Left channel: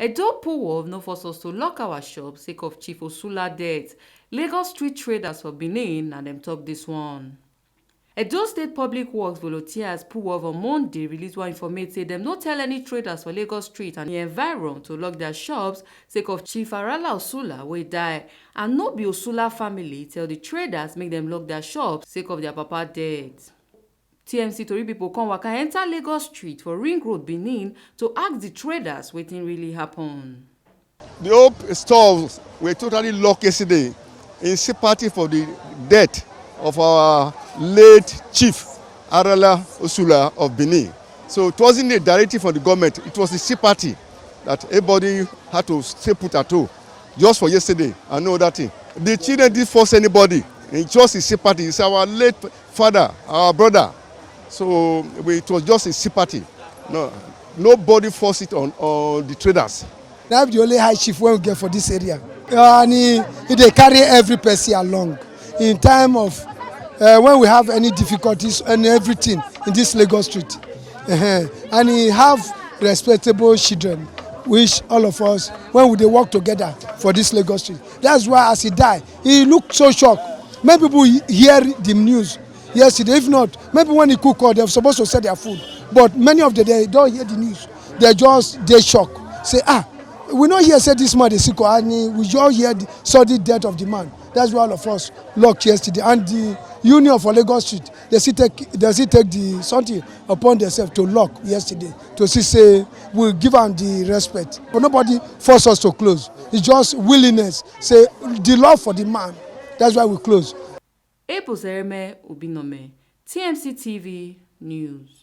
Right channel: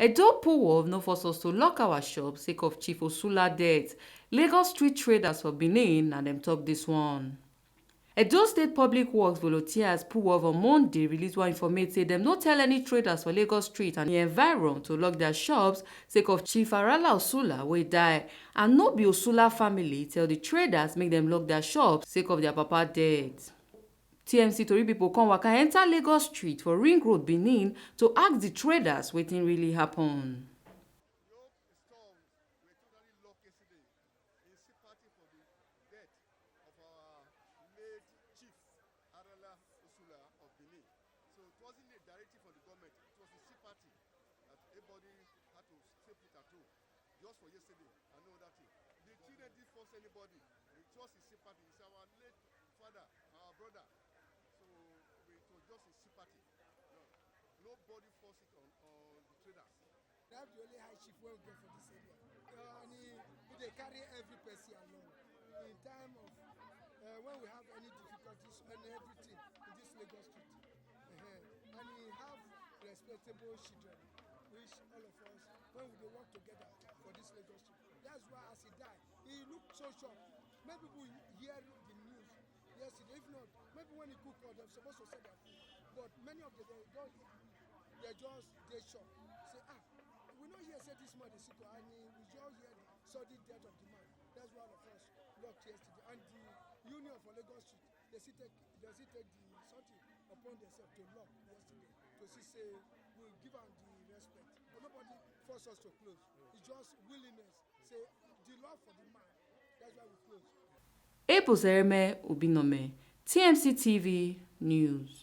Edo PUWOV no force us to lock our shop sake of Chief Osula death. Lagos street traders for Benin and them talk this one. Edo State Public Works volunteers PUWOV on Monday release one informate say dem no tell any traders for Lagos Street and the environ to lock their shops sake of Chief Arala Osula wey die, and no be Osula family tell the traders make dem lock their shops sake of their papa death. TMC tori pipo come waka enter Lagos Street for Ring Road, Benin to ask the traders wetin really happen. The whole stores were totally locked yesterday in sympathy for the death of our late Chief Arala Osula of Benin. So it wasn't a directive from the government, it was the sympathy that everybody had to stay put at home just for yesterday and no other thing. The children didn't force anybody, it's just a sympathy. It's our late father, our brother. So it was just a sympathy. No, nobody forced it on the traders. That's the only high chief we get for this area. And they carry every person along in time of when we have any difficulties and everything in this Lagos Street. And he have respectable children, which all of us, when we work together for this Lagos Street. That's why as he died, he looked so shocked. Many people hear the news yesterday. If not, maybe when he cook or they're supposed to sell their food. But many of them, they don't hear the news. They shock. Say, we not hear say this man is sick, and we just hear the sudden death of the man. That's why all of us locked yesterday. And the Union for Lagos Street, they still take the something upon themselves to lock yesterday to say we'll give them the respect. But nobody force us to close. It's just willingness. Say the love for the man. That's why we close. Epo Sereme Obinome, TMC TV News.